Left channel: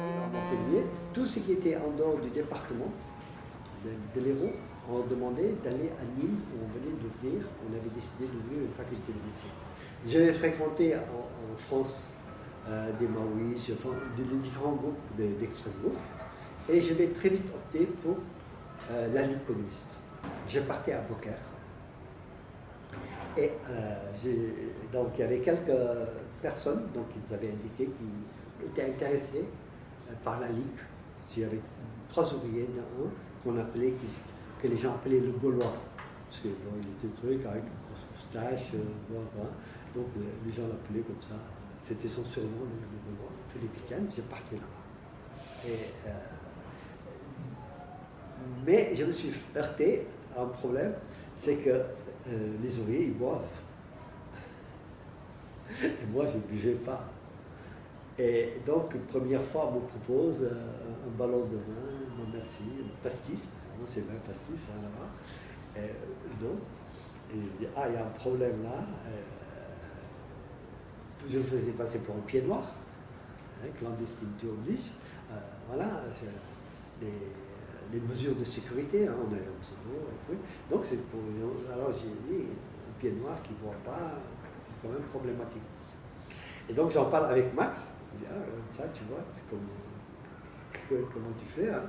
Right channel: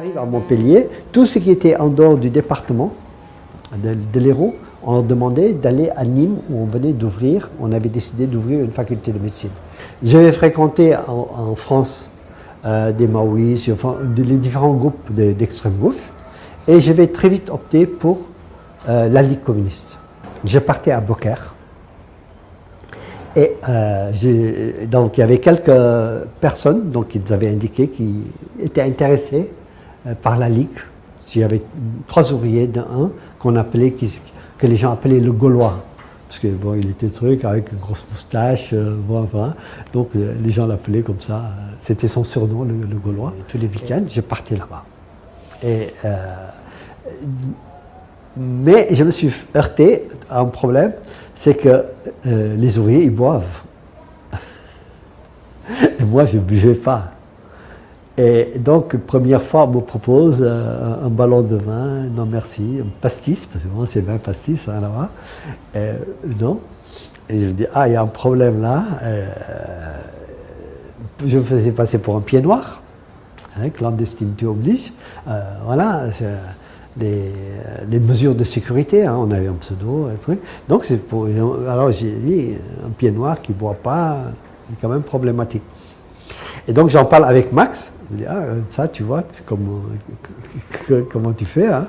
j'arrive à Montpellier, tout ce qui était en dehors du département de l'Hérault, on demandait d'aller à Nîmes où on venait d'ouvrir, on avait décidé d'ouvrir une faculté de médecine. J'avais fréquenté en France des maoïstes, enfin, les différents groupes d'extrême gauche, et je vais très vite opter pour la Ligue communiste. Je partais à Beaucaire. Et donc il y avait quelques personnes donc, qui nous avaient indiqué qui étaient intéressés par la Ligue. Il y avait 3 ouvriers d'un qu'on appelait, que les gens appelaient le Gaulois. Parce que bon, il était truc avec une grosse moustache, enfin, donc les gens l'appelaient comme ça. C'était son surnom, le Gaulois. Et tous les week-ends, je partais là-bas. Mais je me suis heurté à un problème, c'est que les ouvriers, ils boivent. Et moi, je ne buvais pas. Et donc, première fois, on me propose un ballon de vin, non merci, un pastis, parce que moi, c'est vin pastis, hein, là-bas. Non. Et je me dis, ah, il y a un problème là. Je me faisais passer pour un pied noir, hein, clandestinité oblige. Voilà. Les mesures de sécurité, hein, on avait un pseudo, un truc. Donc c'est pour. Alors j'ai dit, un pied noir qui ne boit pas, c'est quand même problématique. Et donc j'en parle avec Max. Je dis, ah, ça tu vois, comment tu fais. Hein?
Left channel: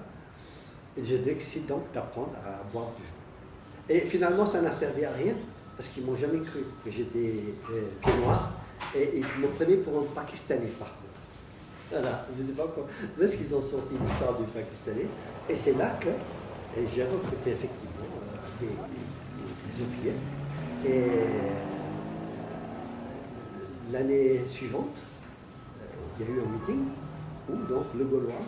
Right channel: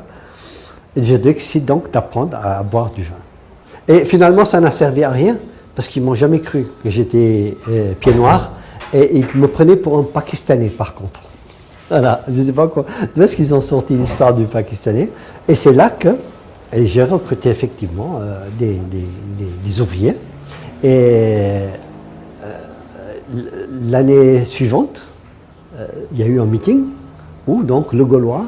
Et je décide donc d'apprendre à boire du vin. Et finalement ça n'a servi à rien, parce qu'ils ne m'ont jamais cru que j'étais pied noir. Et ils me prenaient pour un Pakistanais par contre. Voilà, je ne sais pas quoi. D'où est-ce qu'ils ont sorti l'histoire du Pakistanais. Et c'est là que j'ai recruté effectivement des ouvriers. Et l'année suivante, il y a eu un meeting où donc le Gaulois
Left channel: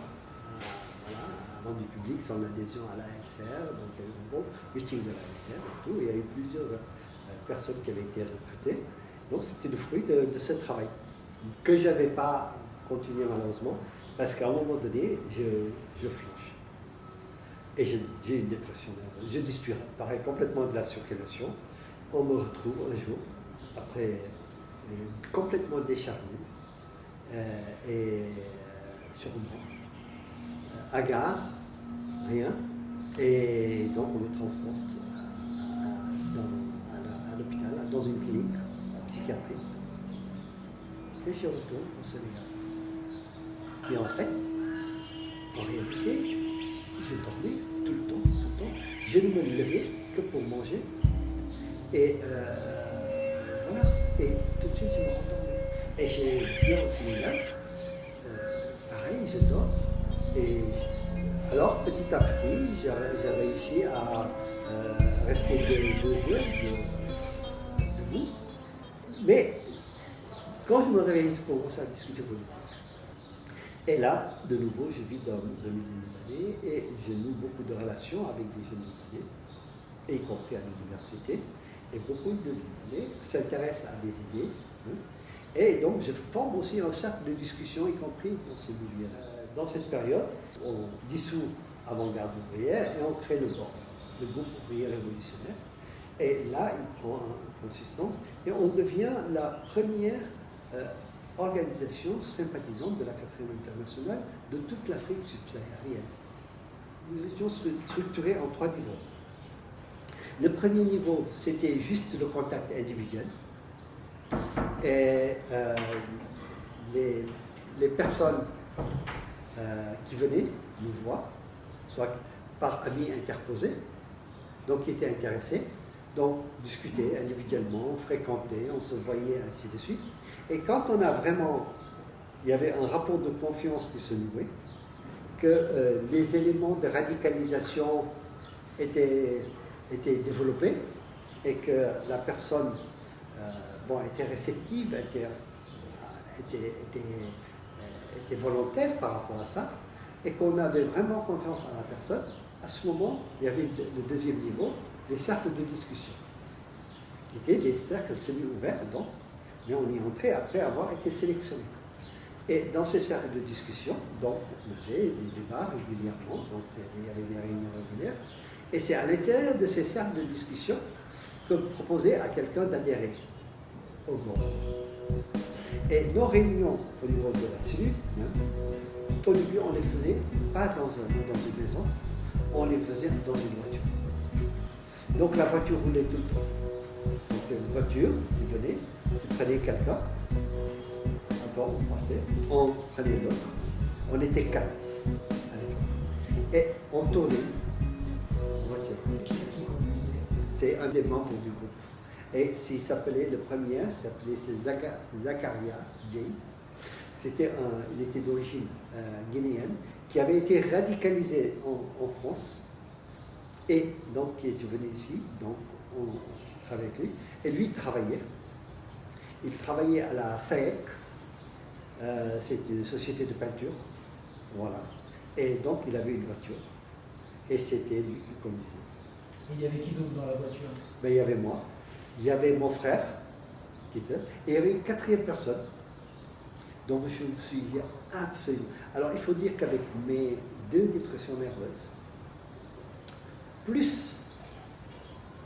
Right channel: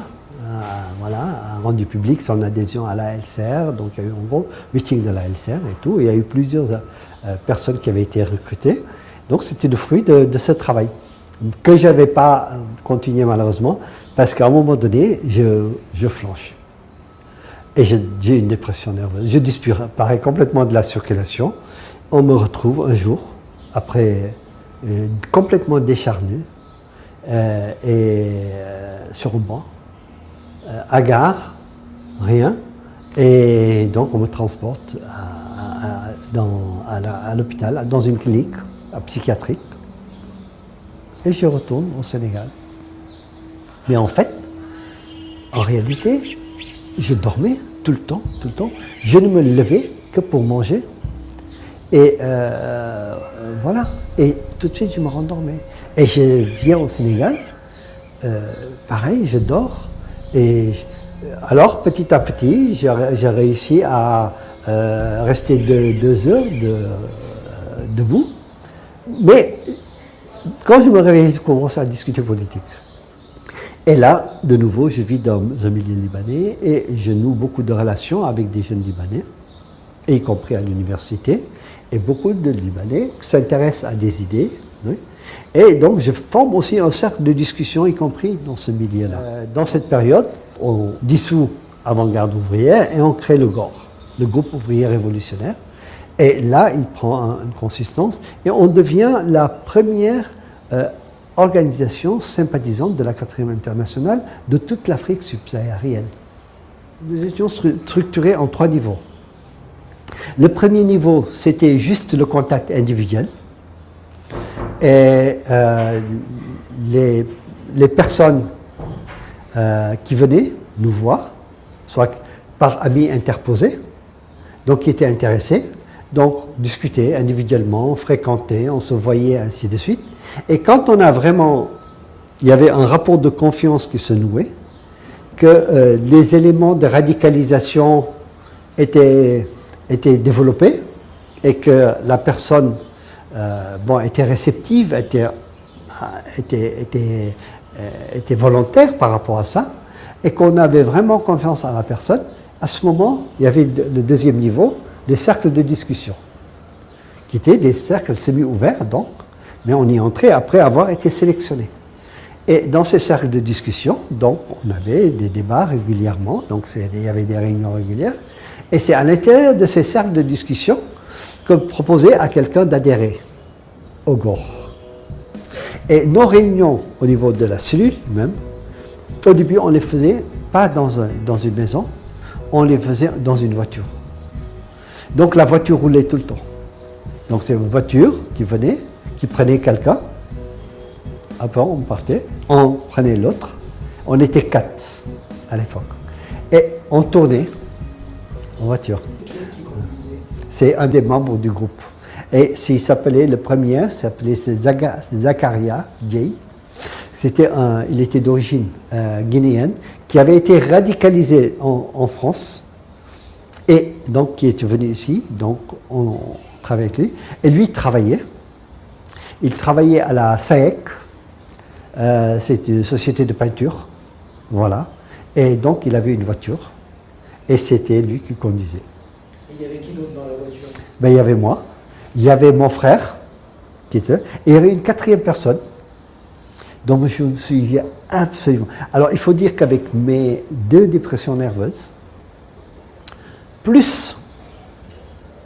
a rendu public son adhésion à la LCR. Donc il y a eu un gros meeting de la LCR et tout. Et il y a eu plusieurs personnes qui avaient été recrutées. Donc c'était le fruit de ce travail, que je n'avais pas continué malheureusement, parce qu'à un moment donné, je flanche. Et j'ai une dépression nerveuse. Je disparais complètement de la circulation. On me retrouve un jour, après complètement décharné, sur un banc, à gare, rien. Et donc on me transporte à l'hôpital, dans une clinique psychiatrique. Et je retourne au Sénégal. Mais en fait, en réalité, je dormais tout le temps. Je ne me levais que pour manger. Et voilà. Et tout de suite, je me rendormais. Et je viens au Sénégal, pareil, je dors. Et alors, petit à petit, j'ai réussi à rester 2 heures debout. Mais quand je me réveille, je commence à discuter politique. Et là, de nouveau, je vis dans un milieu libanais et je noue beaucoup de relations avec des jeunes Libanais, y compris à l'université. Et beaucoup de Libanais s'intéressent à des idées. Oui. Et donc, je forme aussi un cercle de discussion, y compris dans ce milieu-là. Dans cette période, on dissout Avant-Garde ouvrière et on crée le GOR, le groupe ouvrier révolutionnaire. Et là, il prend une consistance et on devient la première organisation sympathisante de la 4e internationale de toute l'Afrique subsaharienne. Nous étions structurés en 3 niveaux. Le premier niveau, c'était juste le contact individuel. Et les personnes qui venaient nous voir, soit par amis interposés, donc qui étaient intéressés, donc discuter individuellement, fréquenter, on se voyait, ainsi de suite. Et quand on a vraiment, il y avait un rapport de confiance qui se nouait, que les éléments de radicalisation étaient développés et que la personne était réceptive, était volontaire par rapport à ça, et qu'on avait vraiment confiance en la personne, à ce moment, il y avait le deuxième niveau, les cercles de discussion, qui étaient des cercles semi-ouverts, donc, mais on y entrait après avoir été sélectionné. Et dans ces cercles de discussion, donc, on avait des débats régulièrement, donc il y avait des réunions régulières, et c'est à l'intérieur de ces cercles de discussion qu'on proposait à quelqu'un d'adhérer au GOR. Et nos réunions au niveau de la cellule même Au début, on les faisait pas dans une maison, on les faisait dans une voiture. Donc la voiture roulait tout le temps. Donc c'est une voiture qui venait, qui prenait quelqu'un. Après on partait, on prenait l'autre. On était 4 à l'époque. Et on tournait en voiture. C'est un des membres du groupe. Et il s'appelait, le premier s'appelait Zakaria Dieye. Il était d'origine guinéenne, qui avait été radicalisé en France, et donc qui était venu ici, donc on travaillait avec lui, et lui il travaillait à la SAEC, c'est une société de peinture, voilà, et donc il avait une voiture, et c'était lui qui conduisait. Et il y avait qui d'autre dans la voiture? Ben, il y avait moi, il y avait mon frère, et il y avait une 4e personne, dont je me souviens absolument. Alors, il faut dire qu'avec mes 2 dépressions nerveuses, plus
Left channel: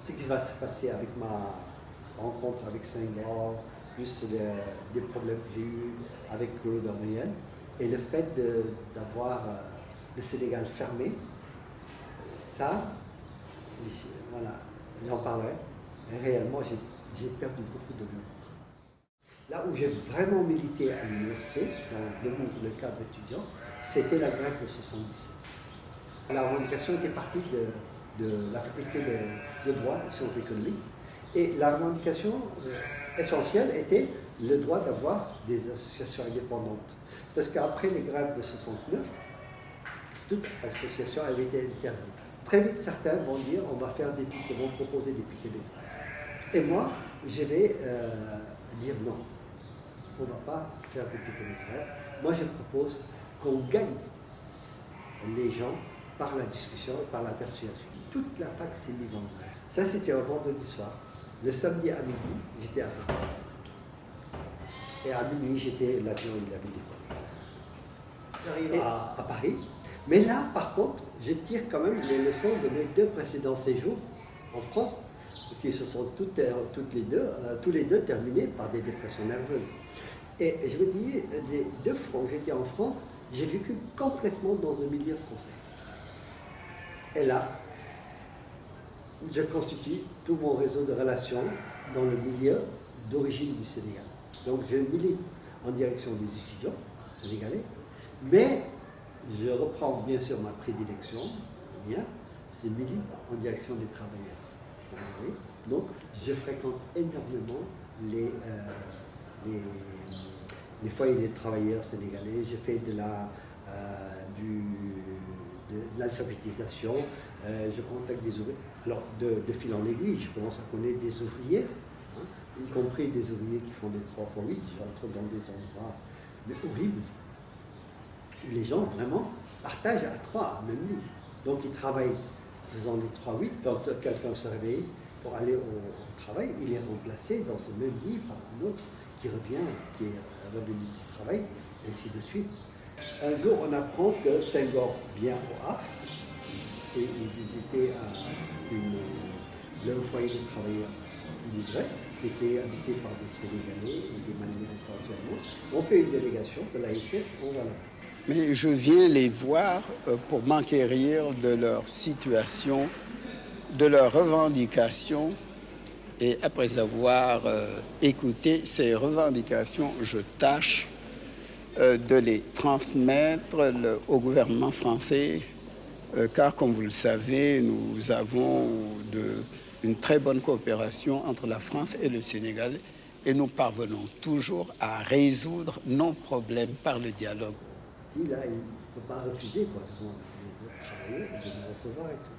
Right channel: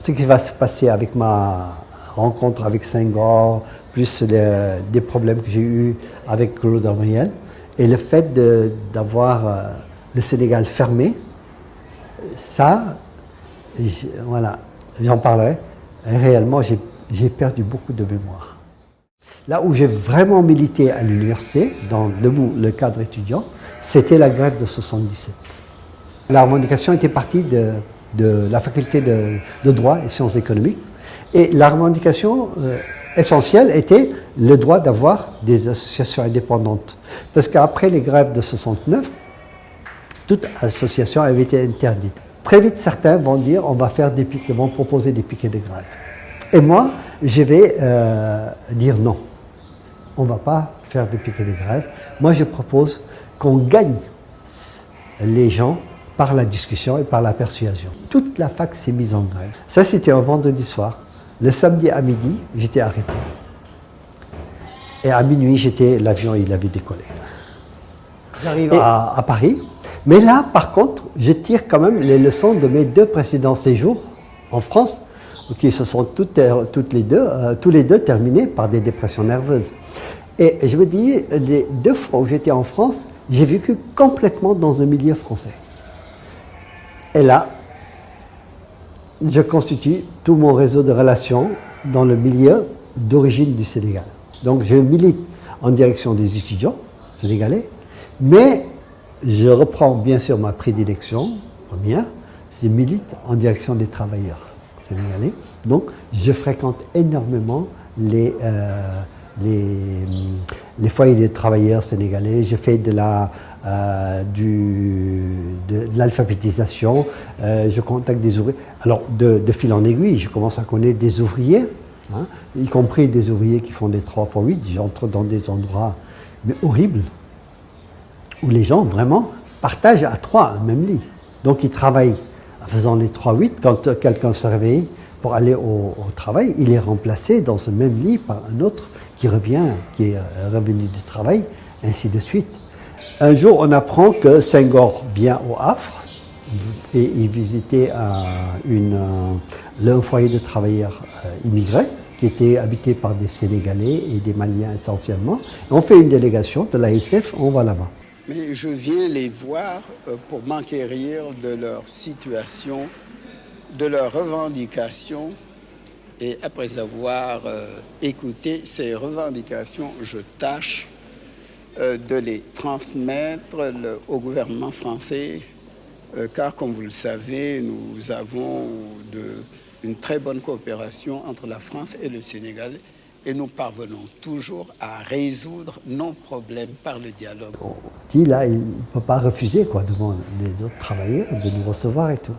ce qui va se passer avec ma rencontre avec Senghor, plus des problèmes que j'ai eus avec Claude Armoriel, et le fait d'avoir le Sénégal fermé, ça, voilà, j'en parlerai. Et réellement, j'ai perdu beaucoup de mémoire. Là où j'ai vraiment milité à l'université, dans le cadre étudiant, c'était la grève de 77. La revendication était partie de la faculté de droit et sciences économiques. Et la revendication essentielle était le droit d'avoir des associations indépendantes. Parce qu'après les grèves de 69, toute association avait été interdite. Très vite, certains vont dire on va faire des piquets, vont proposer des piquets de grève. Et moi, je vais dire non. On ne va pas faire des piquets de grève. Moi, je propose qu'on gagne les gens par la discussion et par la persuasion. Toute la fac s'est mise en grève. Ça, c'était un vendredi soir. Le samedi à midi, j'étais arrêté. Et à minuit, l'avion, il avait décollé. J'arrive à Paris. Mais là, par contre, je tire quand même les leçons de mes 2 précédents séjours en France, qui se sont tous les deux terminés par des dépressions nerveuses. Et je me dis, les 2 fois où j'étais en France, j'ai vécu complètement dans un milieu français. Et là, je constitue tout mon réseau de relations dans le milieu d'origine du Sénégal. Donc je milite en direction des étudiants sénégalais, mais je reprends bien sûr ma prédilection première, je milite en direction des travailleurs sénégalais. Donc je fréquente énormément les foyers de travailleurs sénégalais, je fais de l'alphabétisation, je contacte des ouvriers. Alors, de fil en aiguille, je commence à connaître des ouvriers, hein, y compris des ouvriers qui font des 3x8. J'entre dans des endroits mais horribles, où les gens vraiment partagent à 3 un même lit. Donc, ils travaillent en faisant les 3-8. Quand quelqu'un se réveille pour aller au travail, il est remplacé dans ce même lit par un autre qui revient, qui est revenu du travail, ainsi de suite. Un jour, on apprend que Senghor vient au Havre et il visitait un foyer de travailleurs immigrés qui était habité par des Sénégalais et des Maliens essentiellement. Et on fait une délégation de l'ASF, on va là-bas. Mais je viens les voir pour m'enquérir de leur situation, de leurs revendications. Et après avoir écouté ces revendications, je tâche de les transmettre au gouvernement français, car comme vous le savez, nous avons une très bonne coopération entre la France et le Sénégal et nous parvenons toujours à résoudre nos problèmes par le dialogue. On dit là, il ne peut pas refuser devant les autres travailleurs de nous recevoir et tout.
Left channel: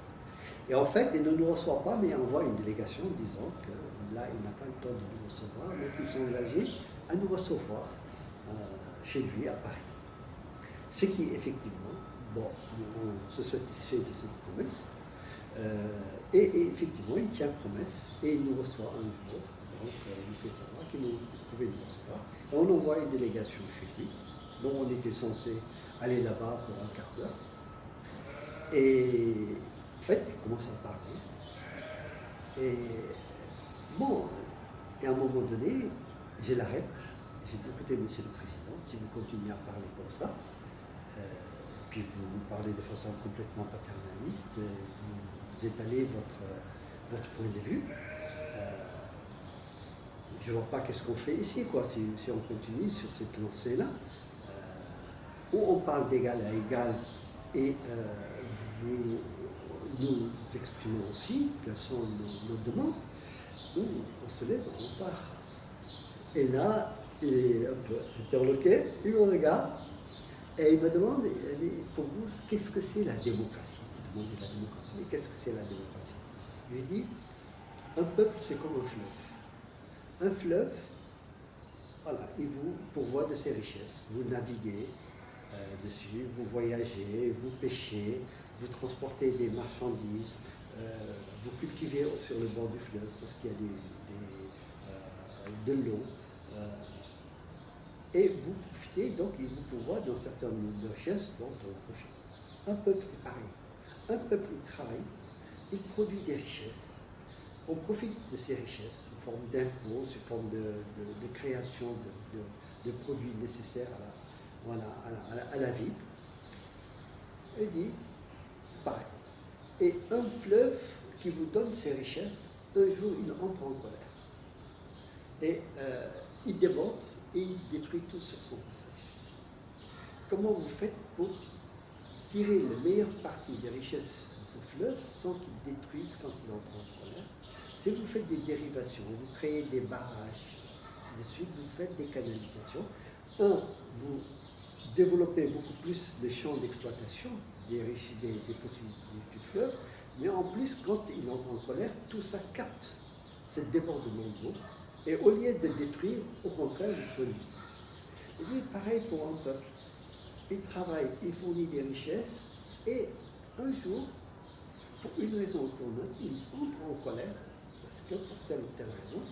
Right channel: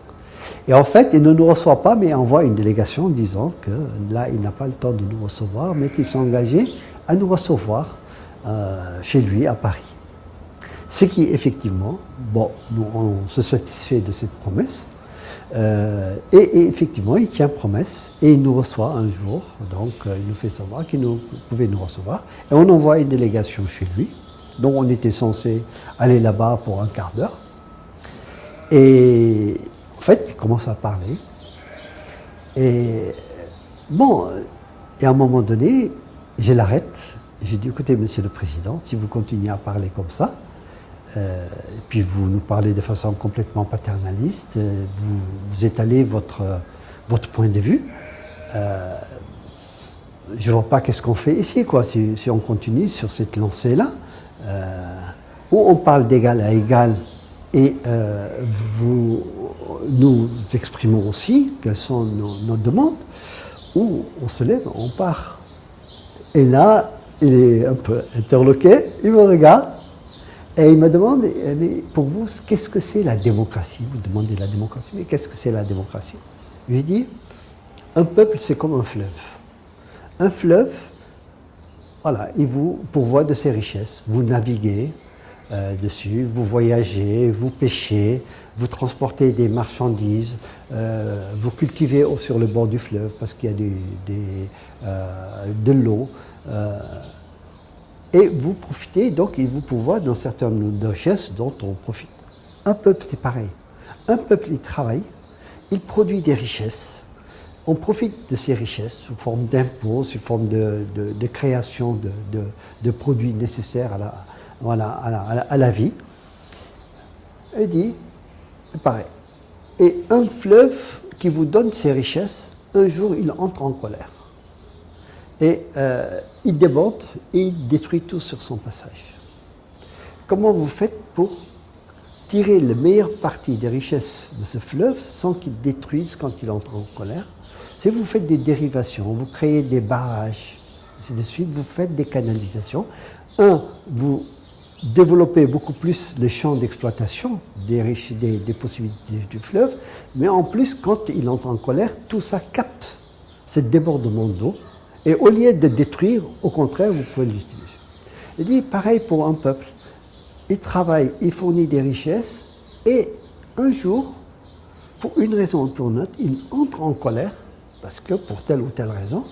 Et en fait, il ne nous reçoit pas, mais envoie une délégation disant que là, il n'a pas le temps de nous recevoir, mais qu'il s'est engagé à nous recevoir chez lui à Paris. Ce qui, effectivement, bon, nous, on se satisfait de cette promesse. Et effectivement, il tient promesse et il nous reçoit un jour. Donc, il nous fait savoir qu'il pouvait nous recevoir. Et on envoie une délégation chez lui. Donc, on était censé aller là-bas pour un quart d'heure. Et en fait, il commence à parler. Et bon, et à un moment donné, je l'arrête. J'ai dit, écoutez, monsieur le président, si vous continuez à parler comme ça, Et puis vous nous parlez de façon complètement paternaliste, vous étalez votre point de vue. Je ne vois pas qu'est-ce qu'on fait ici, quoi, si on continue sur cette lancée-là, où on parle d'égal à égal et nous exprimons aussi quelles sont nos demandes, où on se lève, on part. Et là, il est un peu interloqué, il me regarde et il me demande, mais pour vous, qu'est-ce que c'est la démocratie? Vous demandez la démocratie, mais qu'est-ce que c'est la démocratie? Je lui dis, un peuple, c'est comme un fleuve. Un fleuve, voilà, il vous pourvoit de ses richesses. Vous naviguez dessus, vous voyagez, vous pêchez, vous transportez des marchandises, vous cultivez sur le bord du fleuve parce qu'il y a de l'eau. Et vous profitez, donc il vous pourvoit d'un certain nombre de richesses dont on profite. Un peuple, c'est pareil. Un peuple, il travaille, il produit des richesses. On profite de ces richesses sous forme d'impôts, sous forme de création de produits nécessaires à la vie. Il dit, c'est pareil. Et un fleuve qui vous donne ces richesses, un jour, il entre en colère. Et il déborde et il détruit tout sur son passage. Comment vous faites pour tirer le meilleur parti des richesses de ce fleuve sans qu'il détruise quand il entre en colère? Si vous faites des dérivations, vous créez des barrages, ainsi de suite, vous faites des canalisations. Vous développez beaucoup plus les champs d'exploitation des possibilités du fleuve, mais en plus, quand il entre en colère, tout ça capte ce débordement d'eau. Et au lieu de détruire, au contraire, vous pouvez l'utiliser. Il dit, pareil pour un peuple. Il travaille, il fournit des richesses, et un jour, pour une raison ou pour une autre, il entre en colère, parce que pour telle ou telle raison,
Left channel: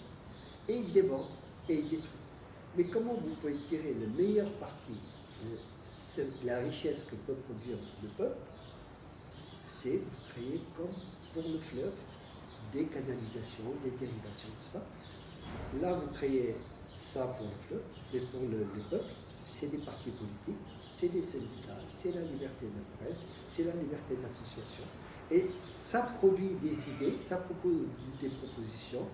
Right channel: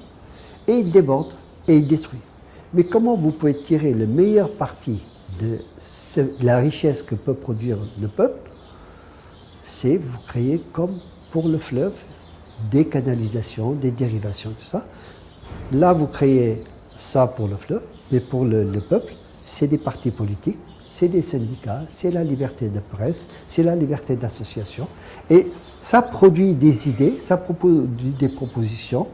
et il déborde, et il détruit. Mais comment vous pouvez tirer le meilleur parti de la richesse que peut produire le peuple? C'est vous créer, comme pour le fleuve, des canalisations, des dérivations, tout ça. Là, vous créez ça pour le fleuve, mais pour le peuple, c'est des partis politiques, c'est des syndicats, c'est la liberté de presse, c'est la liberté d'association. Et ça produit des idées, ça produit des propositions,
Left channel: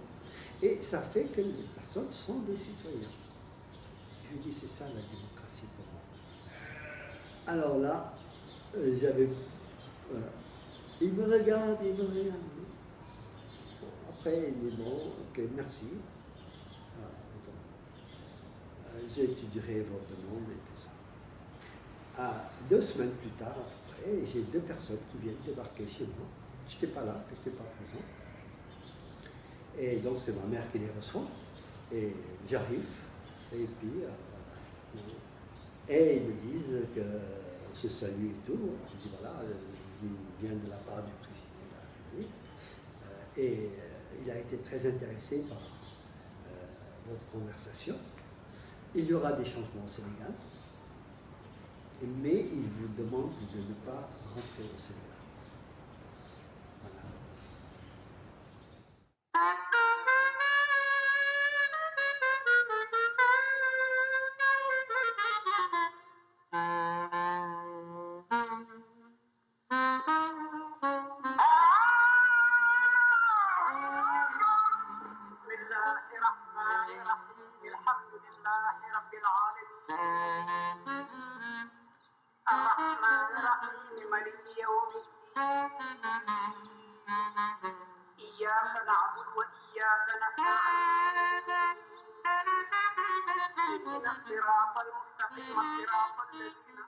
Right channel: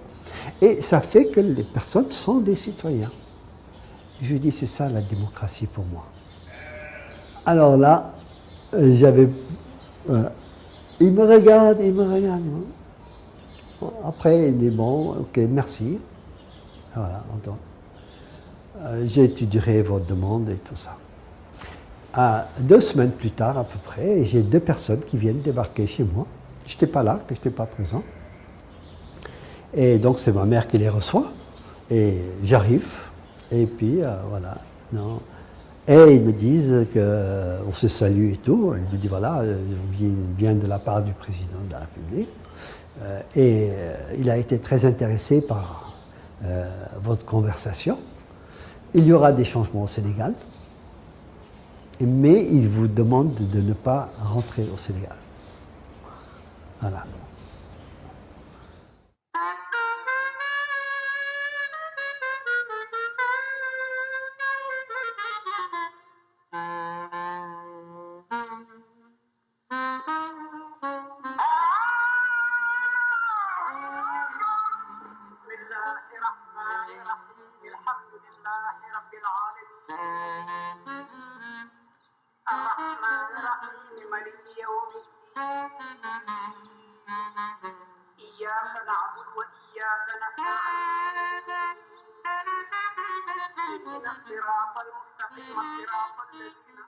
et ça fait que les personnes sont des citoyens. Je dis, c'est ça la démocratie pour moi. Alors là, il me regarde. Après, il dit, bon, ok, merci. Voilà, j'étudierai votre demande et tout ça. 2 semaines plus tard, à peu près, j'ai 2 personnes qui viennent débarquer chez moi. Je n'étais pas là, que je n'étais pas présent. Et donc, c'est ma mère qui les reçoit. Et j'arrive. Et puis, voilà. Non. Et ils me disent qu'on se salue et tout. Ils me disent, voilà, on vient de la part du président de la République. Et il a été très intéressé par votre conversation. Il y aura des changements au Sénégal. Mais il vous demande de ne pas rentrer au Sénégal. Voilà. إياك نعبد وإياك نستعين اهدنا الصراط المستقيم صراط الذين